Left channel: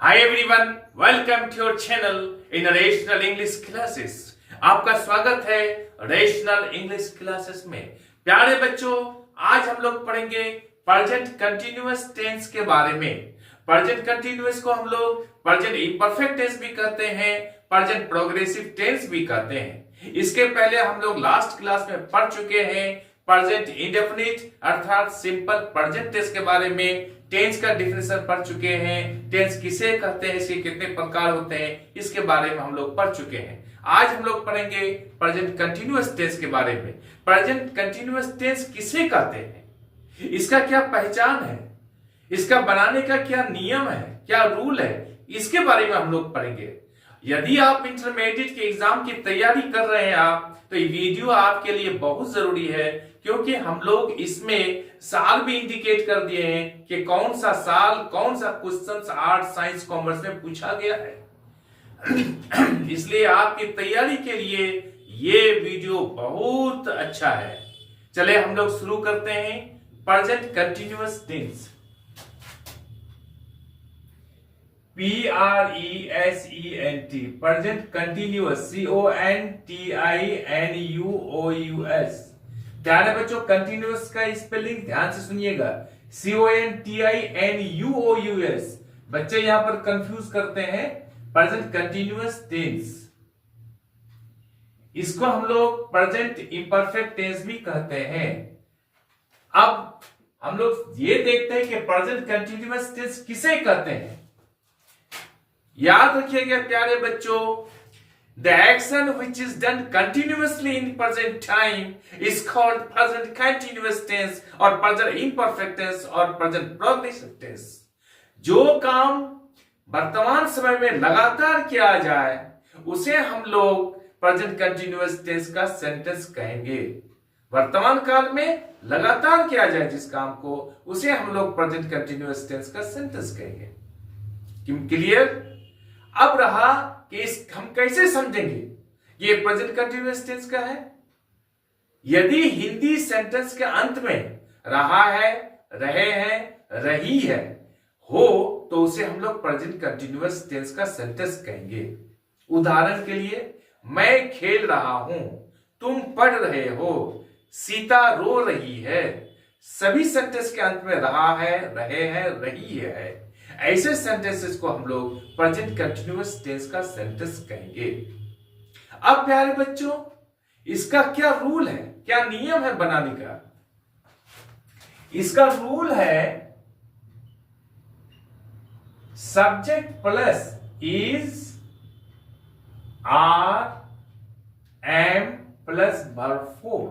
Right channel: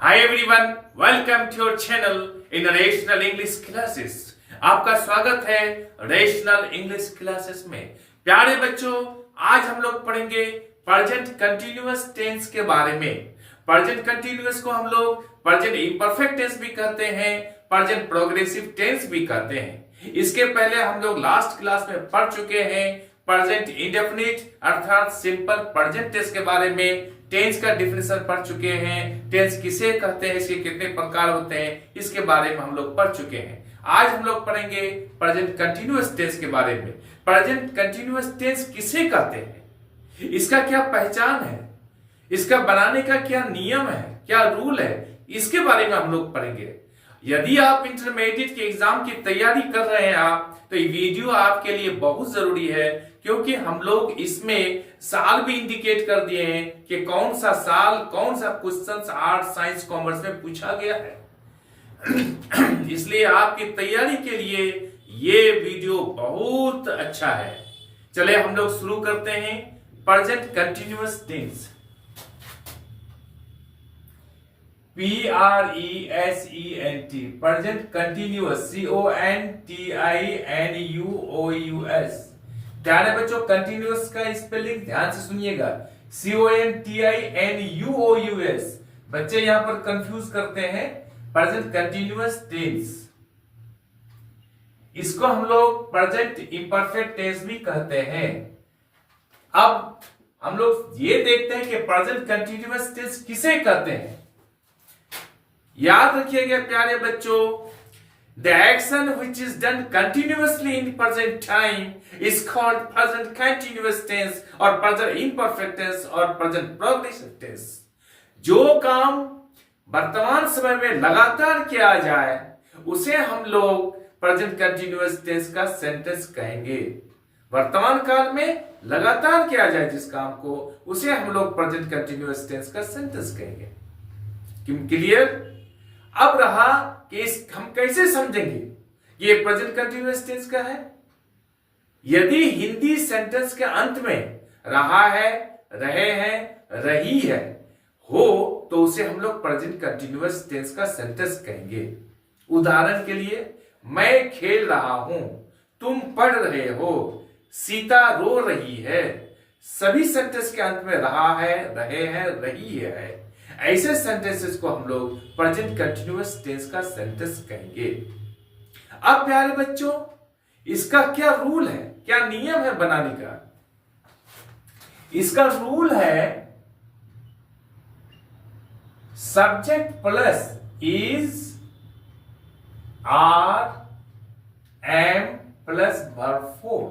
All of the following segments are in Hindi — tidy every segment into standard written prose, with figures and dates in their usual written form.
Hi everyone, welcome to your channel in Rational English Classes। आपका स्वागत है रेशनल इंग्लिश क्लासेस में। प्यारे बच्चों, आज हम लोग पढ़ेंगे प्रेजेंट कंटिन्यूअस टेंस के बारे में। प्रेजेंट कंटिन्यूअस को हम लोग प्रेजेंट इम्परफेक्ट टेंस भी कहते हैं, प्रेजेंट प्रोग्रेसिव टेंस भी कहते हैं। इसके पहले हम लोग लास्ट क्लास में पढ़ चुके हैं प्रेजेंट इंडेफिनिट अर्थात सिंपल प्रेजेंट टेंस के बारे में। टेंस का डिफिनेशन पढ़ चुके हैं, टेंस किसे कहते हैं, इसके कितने प्रकार होते हैं, इसके बारे में हम लोग पढ़ चुके हैं। आज हम लोग पढ़ेंगे प्रेजेंट कंटिन्यूअस टेंस के बारे में। प्रेजेंट कंटिन्यूअस टेंस किसे कहते हैं, इसका क्या पहचान है, इसका बनाने का क्या नियम है, क्या रूल है, इसके बारे में हम लोग पढ़ेंगे। यदि आप इंटरमीडिएट के एग्जाम की तैयारी कर रहे हैं तो ये वीडियो आपके लिए बहुत जरूरी है, क्योंकि हम लोग इसमें साल भी इंडिकेट कर दिए हैं कि कौन सा साल कौन सा क्वेश्चन आर्ट साइंस कॉमर्स में पूछा गया है। इसलिए आपकी तैयारी के लिए ये वीडियो बहुत अच्छा है। चले हम लोग शुरू करते हैं present continuous tense. PRESENT present continuous CONTINUOUS। ध्यान है बच्चों, कंटिन्यूअस का स्पेलिंग ध्यान से सुनिएगा, CONTINUOUS। बच्चे यहां पर कंफ्यूज करते हैं प्रेजेंट कंटिन्यूअस टेंस। इसको हम लोग प्रेजेंट इंपरफेक्ट टेंस भी कहते हैं। अब हम लोग ये देखते हैं कि प्रेजेंट कंटिन्यूअस टेंस किसे कहते हैं। याद रखिएगा प्यारे बच्चों, the action which is done continuously in present time is called present continuous tense or present imperfect tense or present progressive tense। जो काम वर्तमान समय में लगातार किया जाए उसे हम लोग प्रेजेंट कंटिन्यूअस टेंस का सेंटेंस कहेंगे। वर्तमान काल में लगातार किया जाए जिस काम को, उसे हम लोग प्रेजेंट कंटिन्यूअस टेंस का सेंटेंस कहेंगे। क्लियर? अब रहा कि हम कैसे समझेंगे ये प्रेजेंट कंटिन्यूअस टेंस का है। यदि हिंदी सेंटेंस के अंत में रहा है, रहे हैं, रही है हो तो उसे हम लोग प्रेजेंट कंटिन्यूअस टेंस का सेंटेंस कहेंगे। उदाहरण के लिए, मैं खेल रहा हूं, तुम पढ़ रहे हो, सीता रो रही है। सभी सेंटेंस के अंत में रहा है, रहे हैं, रही है। ऐसे सेंटेंसेस को हम लोग प्रेजेंट कंटिन्यूअस टेंस का सेंटेंस कहेंगे। अब प्यारे बच्चों, इसका क्या रूल है, क्या नियम है बनाने का। इसका रूल है subject plus is are am plus verb four.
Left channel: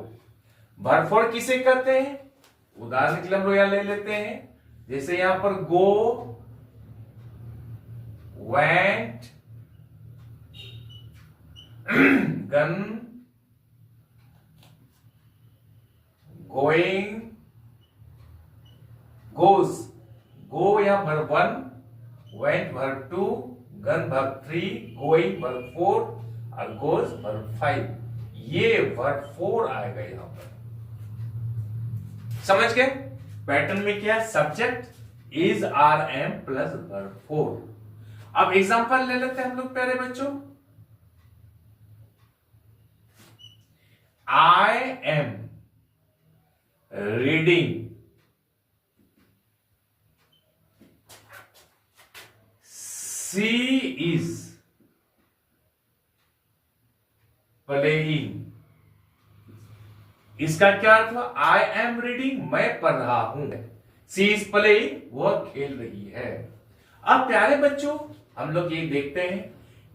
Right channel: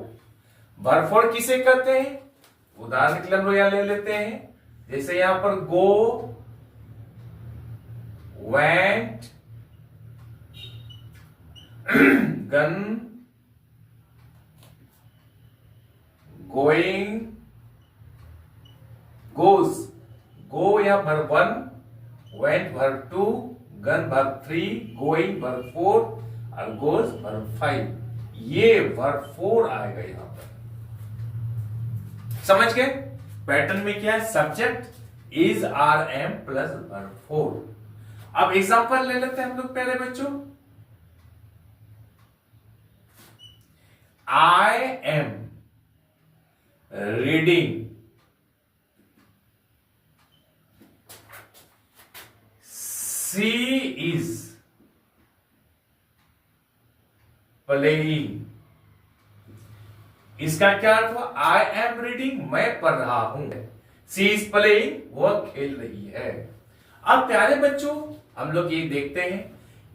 Verb four किसे कहते हैं, उदाहरण के लिए हम लोग यहां ले लेते हैं, जैसे यहां पर गो, went, gone, going, goes। go यहां verb 1, went verb 2, gone verb 3, going verb 4 और goes वर्ब 5। ये वर्ब 4 आएगा यहां पर। समझ गए? पैटर्न में क्या है, subject is are am plus verb 4। अब एग्जांपल ले लेते हैं हम लोग प्यारे बच्चों। I am reading, she is playing. इसका क्या अर्थ हुआ, आई एम रीडिंग मैं पढ़ रहा हूं, सी इज प्लेइंग वह खेल रही है। अब प्यारे बच्चों, हम लोग ये देखते हैं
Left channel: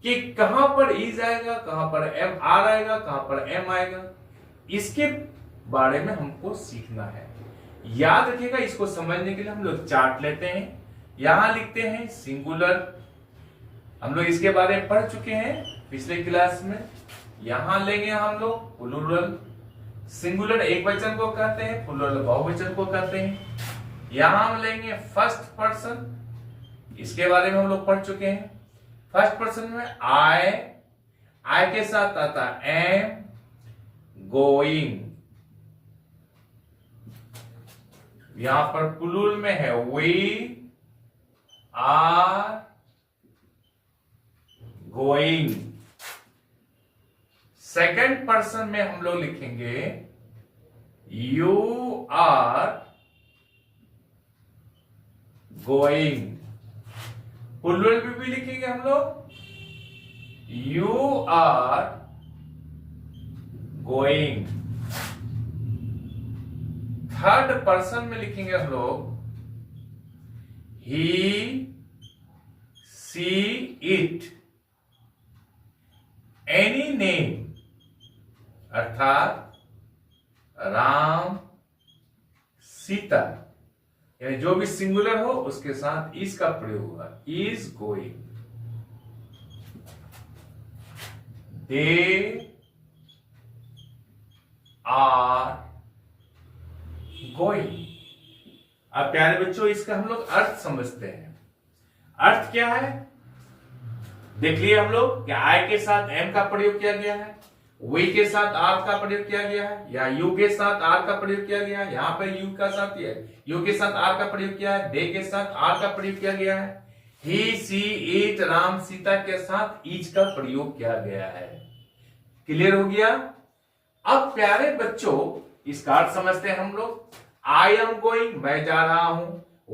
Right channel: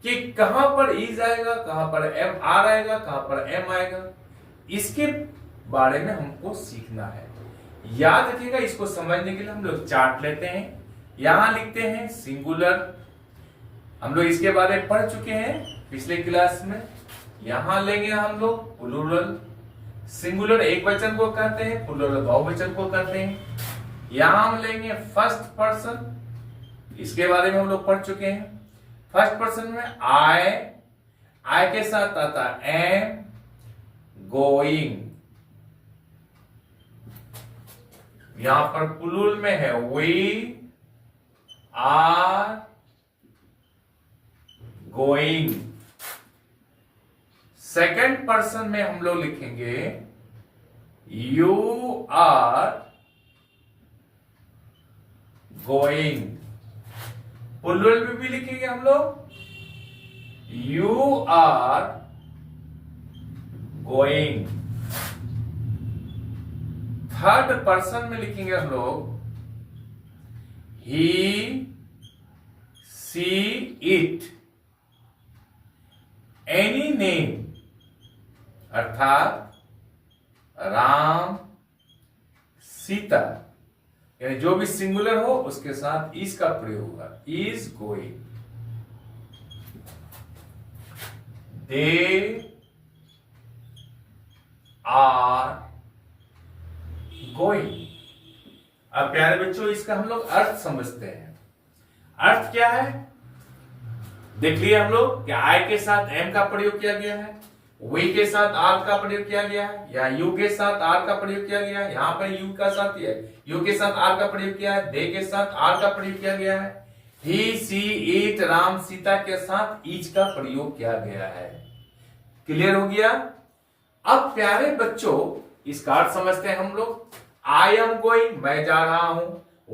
कि कहां पर इज आएगा, कहां पर एम आर आएगा, कहां पर एम आएगा, इसके बारे में हमको सीखना है। याद रखिएगा, इसको समझने के लिए हम लोग चार्ट लेते हैं। यहां लिखते हैं सिंगुलर, हम लोग इसके बारे में पढ़ चुके हैं पिछले क्लास में। यहां लेंगे हम लोग प्लूरल। सिंगुलर एक वचन को कहते हैं, प्लूरल बहुवचन को कहते हैं। यहां हम लेंगे फर्स्ट पर्सन, इसके बारे में हम लोग पढ़ चुके हैं। फर्स्ट पर्सन में आई के साथ आता एम, गोइंग। यहां पर प्लूरल में है we, are, going. Second person में हम लोग लिखेंगे यू आर गोइंग। प्लूरल में भी लिखेंगे हम लोग you are going. Third person में लिखेंगे हम लोग he see it any name, अर्थात राम सीता, यानी जो भी सिंगुलर हो उसके साथ इज का प्रयोग होगा, is going. They are going. अब प्यारे बच्चों इसका हम लोग अर्थ समझते हैं। अर्थ क्या है देखिए हम लोग, क्या आई के साथ एम का प्रयोग किया गया है, वी के साथ आर का प्रयोग किया गया है, या यू के साथ आर का प्रयोग किया गया है, यहां पर यू का साथ यू के साथ आर का प्रयोग किया है, दे के साथ आर का प्रयोग किया गया है, ही सी इट राम सीता के साथ ईच का प्रयोग किया गया है। क्लियर हो गया। अब प्यारे बच्चों इसका अर्थ समझते हैं हम लोग। आई एम गोइंग, मैं जा रहा हूं।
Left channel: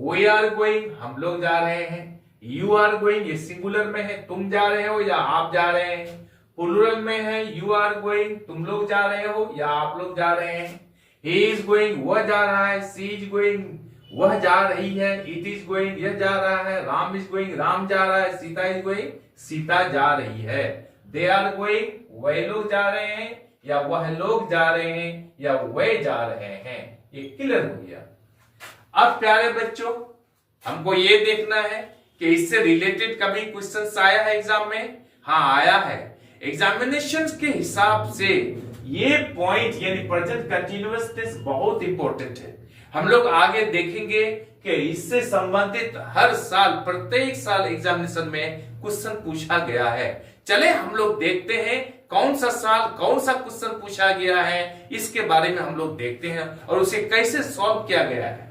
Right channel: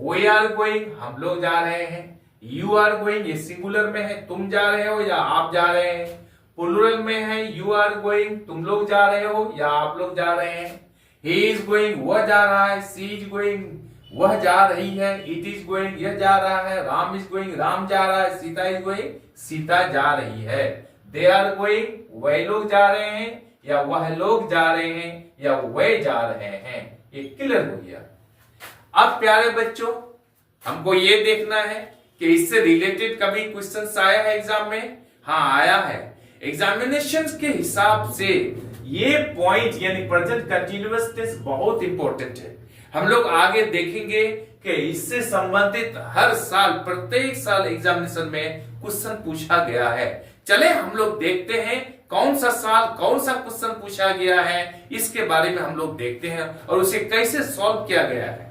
वी आर गोइंग, हम लोग जा रहे हैं। यू आर गोइंग, ये सिंगुलर में है, तुम जा रहे हो या आप जा रहे हैं। प्लूरल में है यू आर गोइंग, तुम लोग जा रहे हो या आप लोग जा रहे हैं। ही इज गोइंग, वह जा रहा है। सी इज गोइंग, वह जा रही है। इट इज गोइंग, यह जा रहा है। राम इज गोइंग, राम जा रहा है। सीता इज गोइंग, सीता जा रही है। दे आर गोइंग, वह लोग जा रहे हैं या वह लोग जा रहे हैं या वे जा रहे हैं। ये क्लियर हो गया। अब प्यारे बच्चों हमको ये देखना है कि इससे रिलेटेड कभी क्वेश्चन आया है एग्जाम में। हाँ आया है। एग्जामिनेशन के हिसाब से ये पॉइंट यानी प्रेजेंट कंटिन्यूअस टेंस बहुत इंपॉर्टेंट है। हम लोग आगे देखेंगे कि इससे संबंधित हर साल प्रत्येक साल एग्जामिनेशन में क्वेश्चन पूछा गया है। चले हम लोग देखते हैं कौन सा साल कौन सा क्वेश्चन पूछा गया है, इसके बारे में हम लोग देखते हैं और उसे कैसे सॉल्व किया गया है।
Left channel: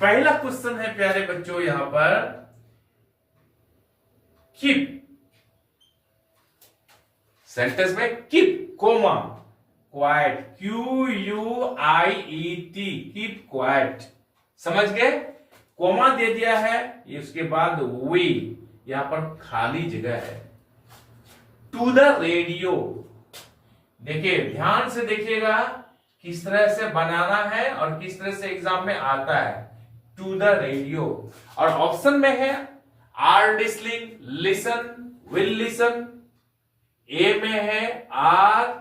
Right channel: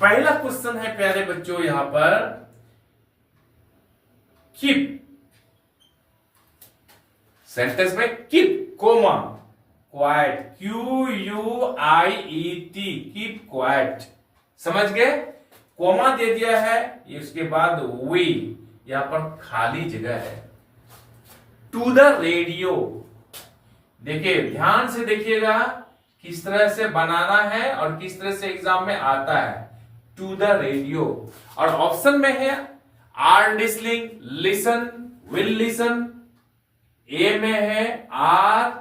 पहला क्वेश्चन है प्यारे बच्चों यहां पर कीप। सेंटेंस में keep comma quiet, Q U I E T, keep quiet. समझ गए। कोमा दे दिया है, इसके बाद वी, यहां पर खाली जगह है। टू द रेडियो, देखिए ध्यान से देखिएगा किस तरह से बनाना है और किस तरह से एग्जाम में आता है। टू द रेडियो, और ऑप्शन में है are listening, listen, will listen. A में है are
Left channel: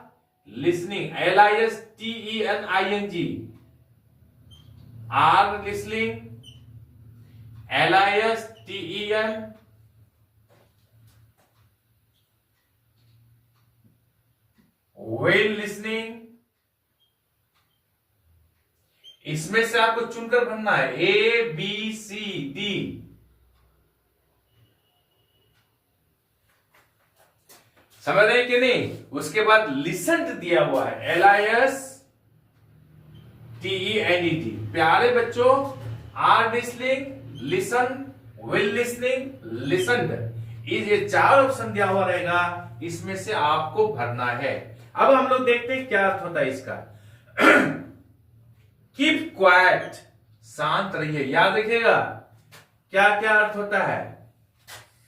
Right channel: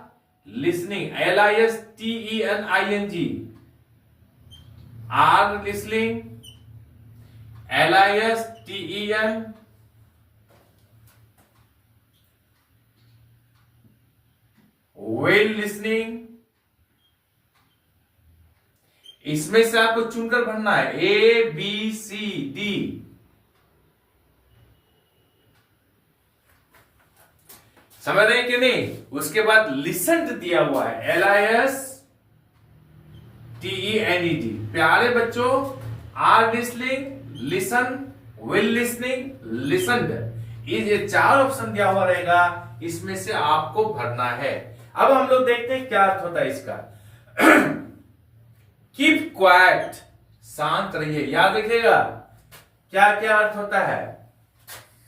listening, LISTENING, are listening, LISTEN, will listening. इसमें से आपको चुनकर भरना है A B C D। समझ रहे हैं कि नहीं। उसके बाद लिसन दिया हुआ है LISTENED। प्यारे बच्चों are listening, listen, will listening, listened, ये चार ऑप्शन दिया हुआ रहेगा, इसमें से आपको भरना है। अब हम लोग देखते हैं क्या अर्थ होता है इसका। कीप क्वाइट, शांत रहिए। याद रखिएगा क्या क्या अर्थ होता है।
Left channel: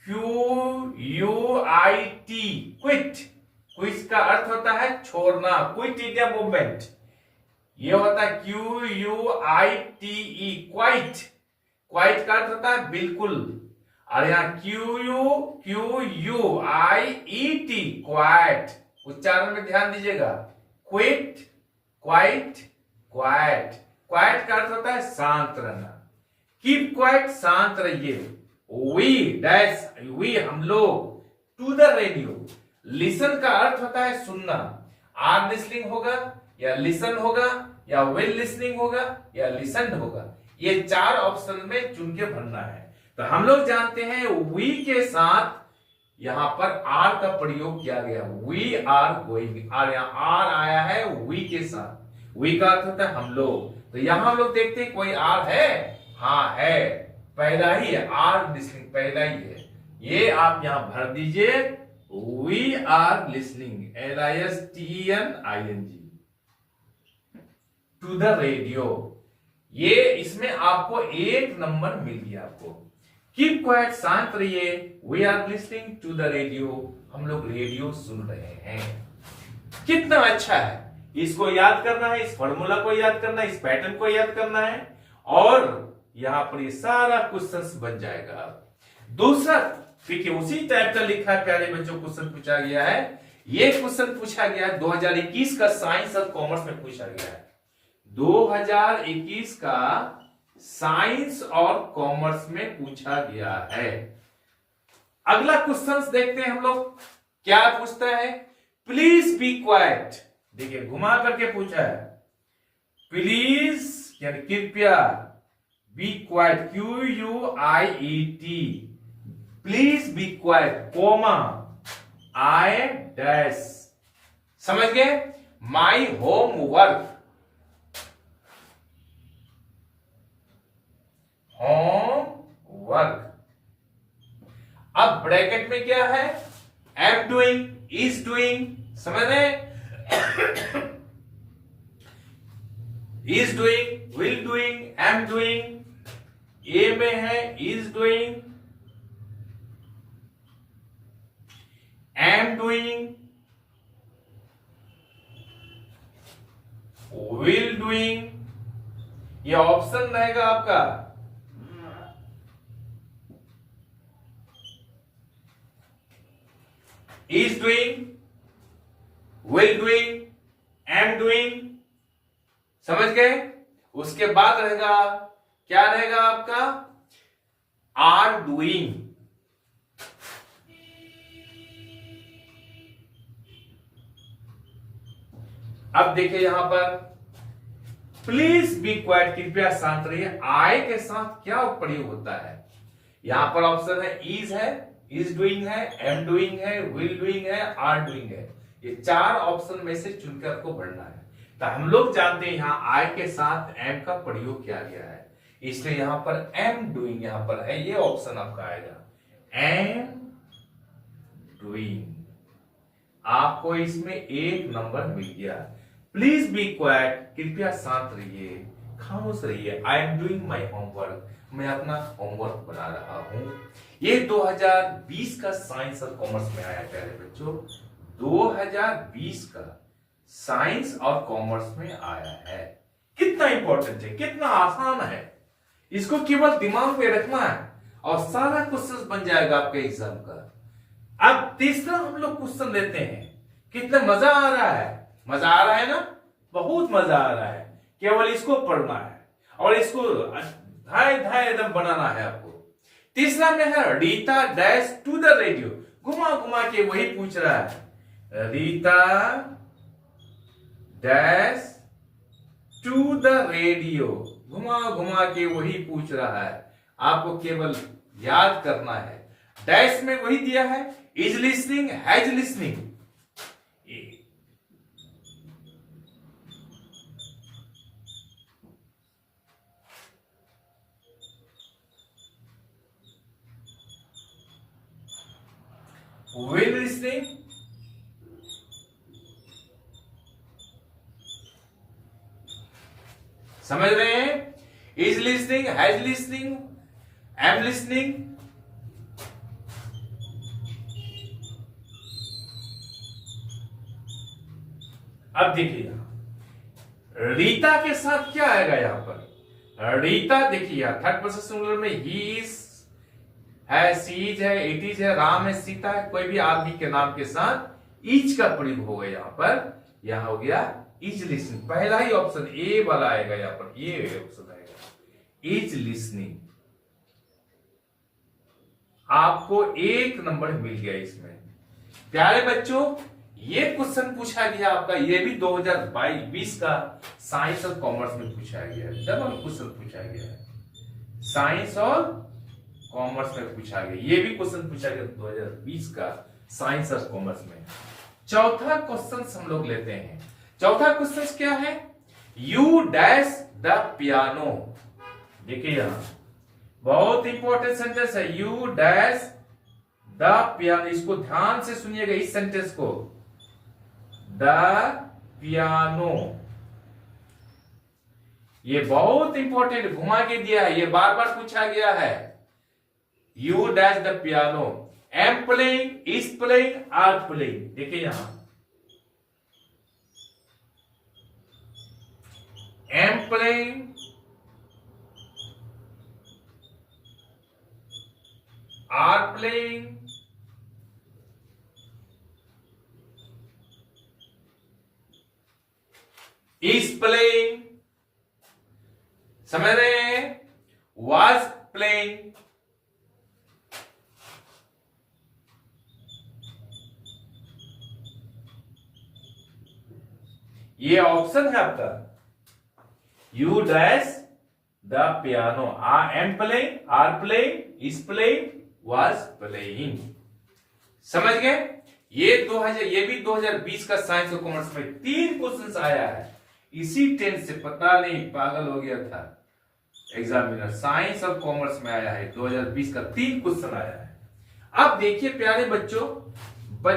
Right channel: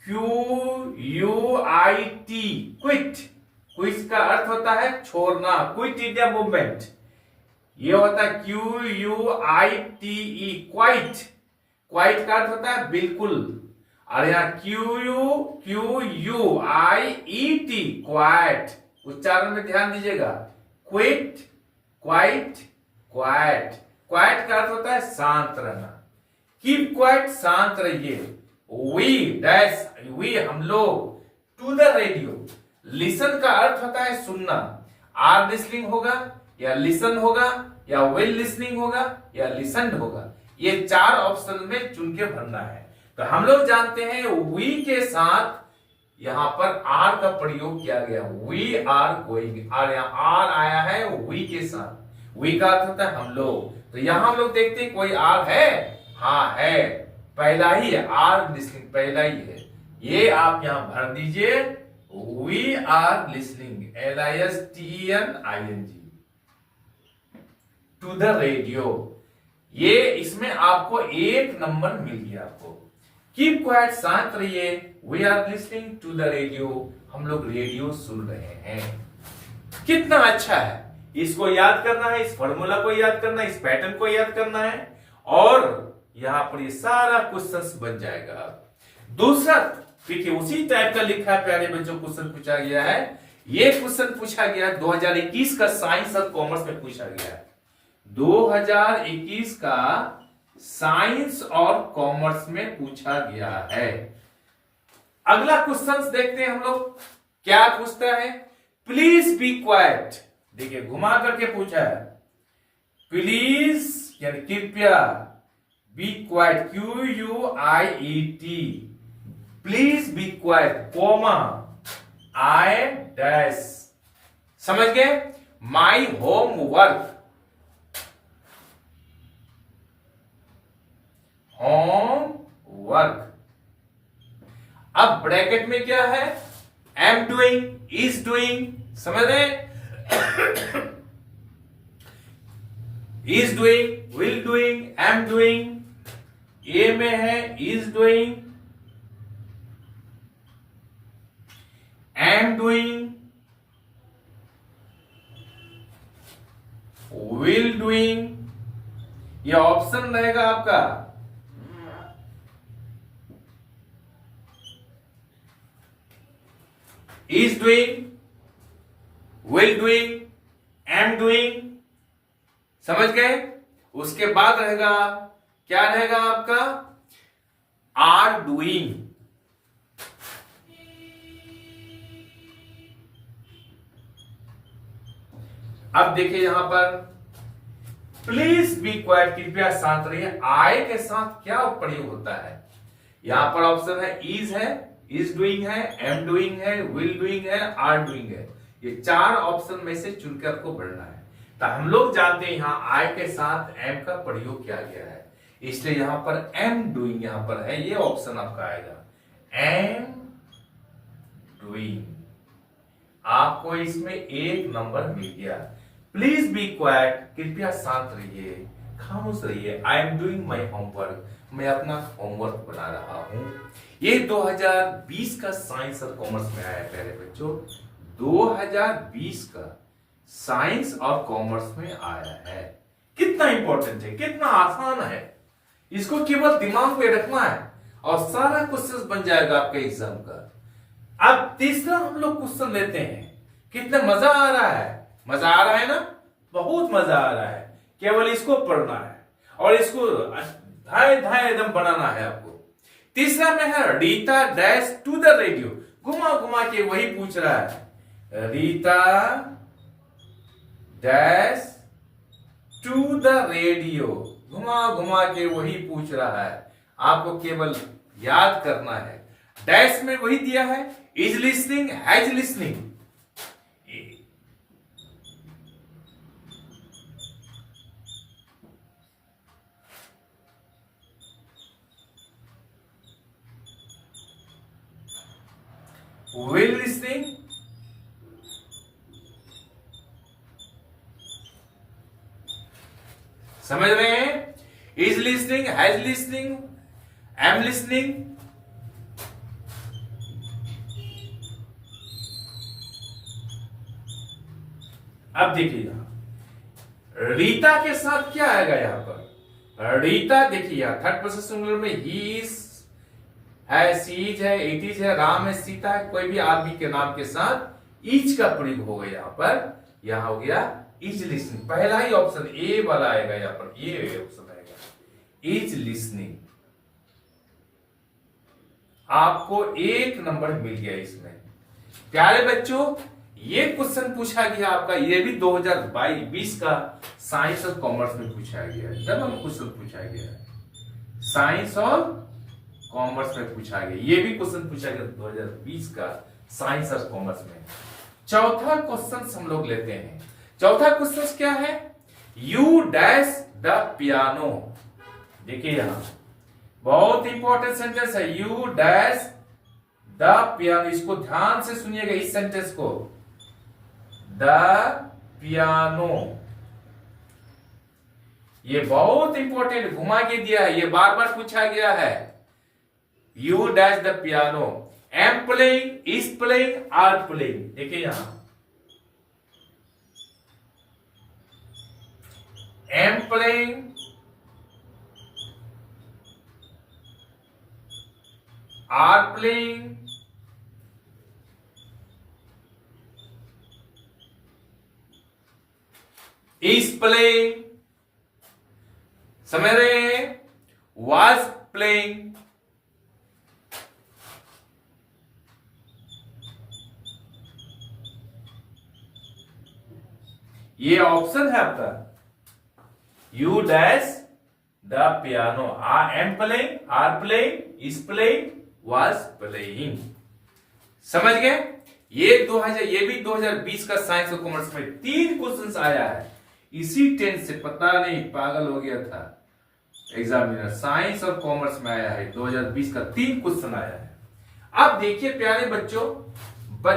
QUIT, क्विट, क्विट का अर्थ होता है छोड़ना, क्विट इंडिया मूवमेंट। ये होता है QUITE, क्वाइट, क्वाइट का अर्थ होता है बिल्कुल। और यहां QUIET, क्वाइट, उच्चारण में ध्यान दीजिएगा। क्विट, क्वाइट, क्वाइट, क्वाइट का अर्थ होता है शांत रहना। कीप क्वाइट, शांत रहिए। वी हम लोग। टू द रेडियो, लिसन का अर्थ होता है सुनना। आर लिसनिंग होगा या लिसन होगा या विल लिसनिंग होगा या लिसनड होगा। ये चार ऑप्शन में चुन के भरना है। तो हम लोग जानते हैं वी के साथ यहां पर आर का प्रयोग किया गया। वी आर गोइंग, और यहां आर आया है वी के साथ। वी का अर्थ होता है हम लोग। तो यहां हम लोग देखते हैं कोई आर है। हाँ है, पहला ही है आर लिसनिंग, पहला ही है। ये आप यहां भर दीजिए, we are listening, LISTENING, to the radio. ये इसमें आपको 1 नंबर मिल गया आपको। कीप क्वाइट, शांत रहिए, we are listening to the radio, हम लोग रेडियो सुन रहे हैं। कितना अच्छा है। इसको याद करना है, इस फॉर्मूला को याद करना है, इस पैटर्न को याद करना है, और यहां पर ये सारा क्वेश्चन बन जाएगा। दूसरा देखिए उसी टाइप का लिखा है प्यारे बच्चों, क्वेश्चन पूछा गया है। ये क्वेश्चन पूछा गया है 2021 का साइंस और कॉमर्स में पूछा गया है। 2021 का साइंस और कॉमर्स में पूछा गया है। अगला क्वेश्चन देखते हैं हम लोग क्या पूछता है। प्लीज बी क्वाइट, देखिए घुमा करके पूछा है। प्लीज यानी कृपया, be quiet, QUIET, please be quiet, comma, I dash, समझ गए, माई होमवर्क, होमवर्क। अब ब्रैकेट में क्या है, एम डूइंग, इज डूइंग, समझ रहे, is doing, will doing, am doing, A में है is doing, am doing, will doing, ये ऑप्शन रहेगा आपका। Is doing, will doing, am doing, समझ गए। उसके बाद रहेगा, क्या रहेगा आपका, आर डूइंग। अब देखिए यहां पर प्लीज बी क्वाइट, कृपया शांत रहिए, आई के साथ क्या प्रयोग होता है। यहां पर ऑप्शन है, इज डूइंग है, एम डूइंग है, विल डूइंग है, आर डूइंग है। ये 4 ऑप्शन में से चुनकर आपको बढ़ना है। तो हम लोग जानते हैं यहां आई के साथ एम का प्रयोग किया गया है, इसलिए यहां पर एम डूइंग यहां पर है, ये ऑप्शन आपका आएगा एम डूइंग। आपको इसमें 1 नंबर मिल गया। प्लीज बी क्वाइट, कृपया शांत रहिए, खामोश रहिए, I am doing my homework, मैं अपना होमवर्क बना रहा हूं। ये 2020 का साइंस और कॉमर्स में आया प्यारे बच्चों, 2020 का साइंस और कॉमर्स में आया है। कितना इंपॉर्टेंट है, कितना आसान है, इसको केवल दिमाग में रखना है और सारा क्वेश्चन बन जाएगा आपके एग्जाम का। अब तीसरा हम लोग क्वेश्चन लेते हैं। कितना मजा आ रहा है, मजा आ रहा है ना, बहुत मजा आ रहा है। केवल इसको पढ़ना है और इसको धाय धाय एकदम बनाना है आपको। तीसरा में है Rita dash to the radio, घुमा घुमा के वही पूछ रहा है, Rita dash to the radio, घुमा घुमा के वही पूछ रहा है। आपको केवल याद करना है। डैश में वही दिया है, is listening, has listening. Will listening, समझ रहे हैं, is listening, has listening, am listening. अब देखिएगा रीता के साथ क्या आएगा यहां पर। रीता देखिए थर्ड पर्सन सिंगुलर में ही इज है, सीज है, इट इज है, राम है, सीता है, कोई भी आदमी के नाम के साथ इज का प्रयोग होगा यहां पर। यहां हो गया इज लिसनिंग, पहला ही ऑप्शन ए वाला आएगा यहां पर, ये ऑप्शन आएगा इज लिसनिंग। आपको 1 नंबर मिल गया इसमें। प्यारे बच्चों ये क्वेश्चन पूछा गया आपका, ये भी 2022 का साइंस और कॉमर्स में पूछा गया है। डबल क्वेश्चन पूछा गया है, साइंस और कॉमर्स में पूछा गया, ये भी क्वेश्चन पूछा गया 2020 का साइंस और कॉमर्स में। चौथा क्वेश्चन हम लोग लेते हैं। चौथा क्वेश्चन क्या है, यू डैश द पियानो। देखिए यहां बहुत इंपॉर्टेंट सेंटेंस है, यू डैश द पियानो, इसको ध्यान से सुनिएगा इस सेंटेंस को, द पियानो। ये बहुत इंपॉर्टेंट घुमा के दिया है, ये बार बार पूछा गया है। You dash the piano, am playing, is playing, are playing. देखिए यहां am playing, are playing, is playing, समझ रहे हैं, वाज प्लेइंग। ये ऑप्शन है आपका, you dash the piano, am playing, are playing, is playing, was playing. समझ गए? ये भी 2020 का साइंस और कॉमर्स में 3 क्वेश्चंस आया है। इसी टेंस से पता नहीं पागल हो गया था एग्जामिनर, साइंस और कॉमर्स में आया है 2020 का 3 क्वेश्चन आया है। अब देखिए प्यारे बच्चों,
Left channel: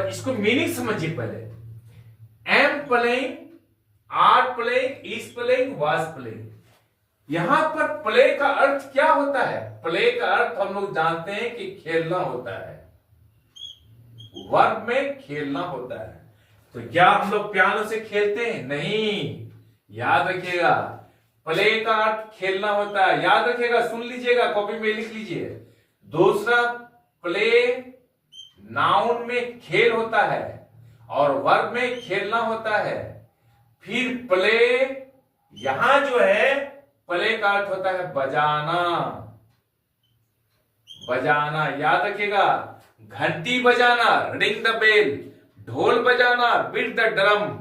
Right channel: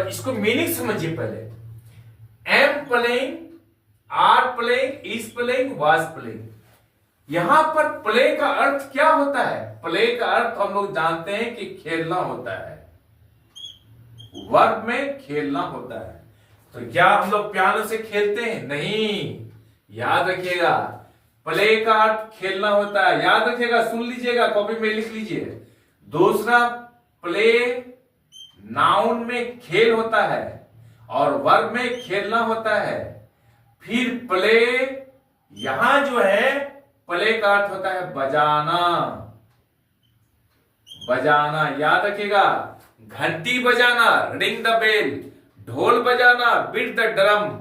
इसको मीनिंग समझिए पहले। Am playing, are playing, is playing, was playing. यहां पर प्ले का अर्थ क्या होता है? प्ले का अर्थ हम लोग जानते हैं कि खेलना होता है, वर्ब में खेलना होता है। तो क्या हम लोग पियानो से खेलते हैं? नहीं, याद रखिएगा, प्ले का अर्थ खेलना होता है, याद रखिएगा, सुन लीजिएगा, कॉपी में लिख लीजिए। दूसरा, प्ले नाउन में खेल होता है और वर्ब में खेलना होता है। फिर प्ले, यहां जो है प्ले का अर्थ होता है बजाना, बजाना, याद रखिएगा, घंटी बजाना, रिंग द बेल, ढोल बजाना, बीट द ड्रम,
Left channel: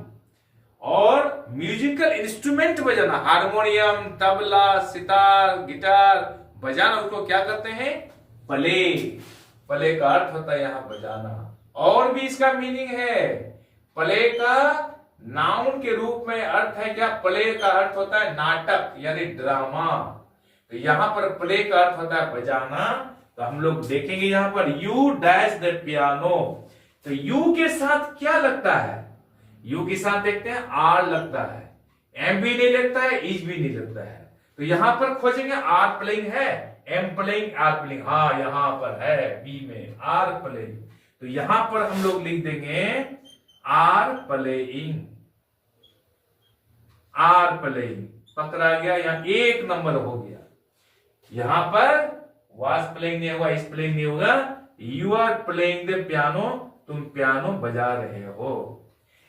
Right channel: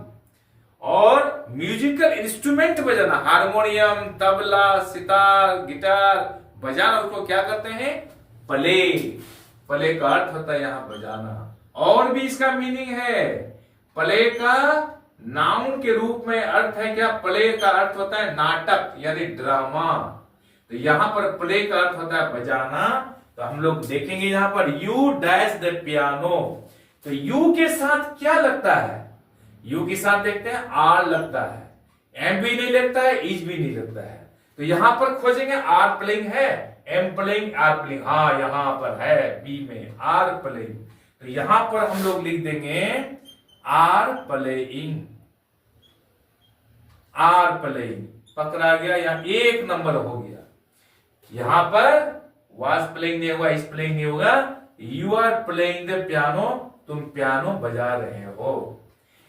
और म्यूजिकल इंस्ट्रूमेंट बजाना, हारमोनियम, तबला, सितार, गिटार बजाना, उसको क्या कहते हैं? प्ले। प्ले का अर्थ होता है यहां बजाना। और भी इसका मीनिंग है, प्ले का नाउन के रूप में अर्थ है क्या? प्ले का अर्थ होता है नाटक यानी ड्रामा। तो यहां पर प्ले का अर्थ होता है बजाना। तो हम लोग देखेंगे यहां पर यू डैश द पियानो, तो यू के साथ क्या लगता है? यू के साथ देखते हैं आर लगता है, एम भी नहीं लगता है, इज भी नहीं लगता है। तो यहां पर खोजेंगे आर प्लेइंग है, एम प्लेइंग, आर प्लेइंग, हाँ यहां पर है बी में आर प्लेइंग। तो यहां पर हम लोग लिख देंगे आर प्लेइंग, आर प्लेइंग पकड़ा गया, यहां 1 नंबर हो गया। यहां पर वाज प्लेइंग नहीं होगा, इज प्लेइंग नहीं होगा, you are playing the piano, तुम पियानो बजा रहे हो।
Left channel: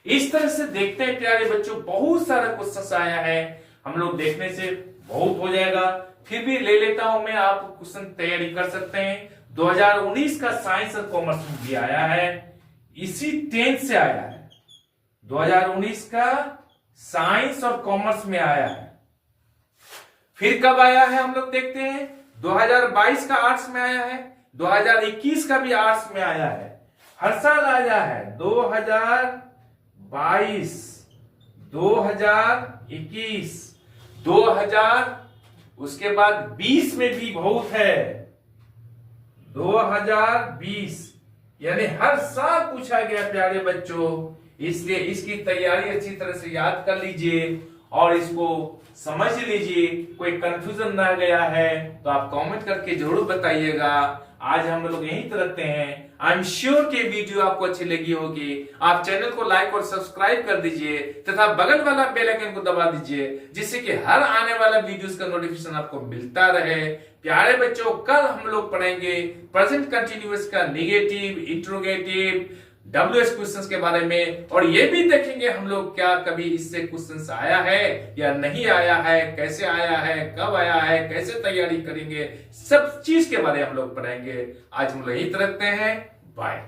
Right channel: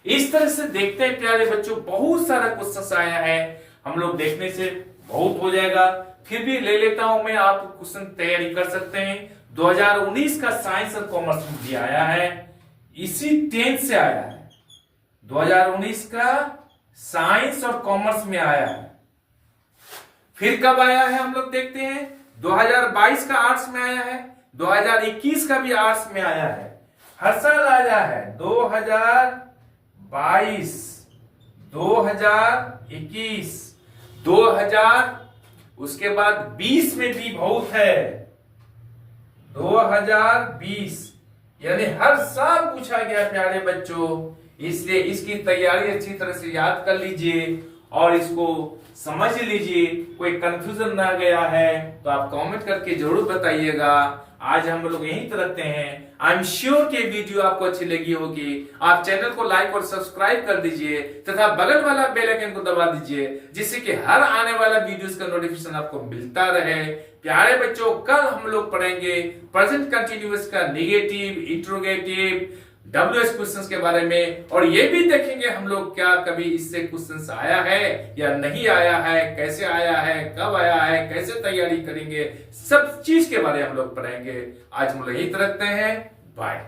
इस तरह से देखते हैं प्यारे बच्चों, बहुत सारा क्वेश्चन आया है, हम लोग देखने से बहुत हो जाएगा, फिर भी ले लेता हूं मैं, आप क्वेश्चन तैयारी कर सकते हैं। 2019 का साइंस और कॉमर्स में भी आया है, इसी 10 से आया है, 2019 का साइंस और कॉमर्स में आया है। फिर कब आया है हम लोग देखते हैं, 2022 का आर्ट्स में आया है, 2021 का भी आर्ट्स में आया है, हर साल आया है। 2022, 2021, 2000, उसके बाद 20 में भी बहुत है, 2020, यानी हर साल पूछा गया प्यारे बच्चों। इसलिए इसकी तैयारी अच्छी तरह से याद कर लीजिए और इसको समझ लीजिए, कोई कंफ्यूजन ना गया है तो आप कमेंट करके जरूर बताइएगा। आज हम लोग यहीं पर रखते हैं। आई एम श्योर कि वीडियो आपको अच्छी लगी होगी। आप चैनल को लाइक और सब्सक्राइब कर दीजिए तथा बगल वाला बेल आइकन को दबा दीजिए, जिससे कि हर आने वाला वीडियोस का नोटिफिकेशन आपको मिलता रहे। प्यारे बच्चों, कल हम लोग पढ़ेंगे प्रेजेंट कंटिन्यूअस का नेगेटिव, इंट्रोगेटिव, WH क्वेश्चंस के बारे में, और ये भी देखेंगे हम लोग क्या कभी इससे क्वेश्चंस आया है या नहीं आया है, कैसे आया है, कब आया है, कैसे तैयारी करेंगे, सब चीज के बारे में हम लोग पढ़ेंगे। आज हम लोग यही रखते हैं, बाय।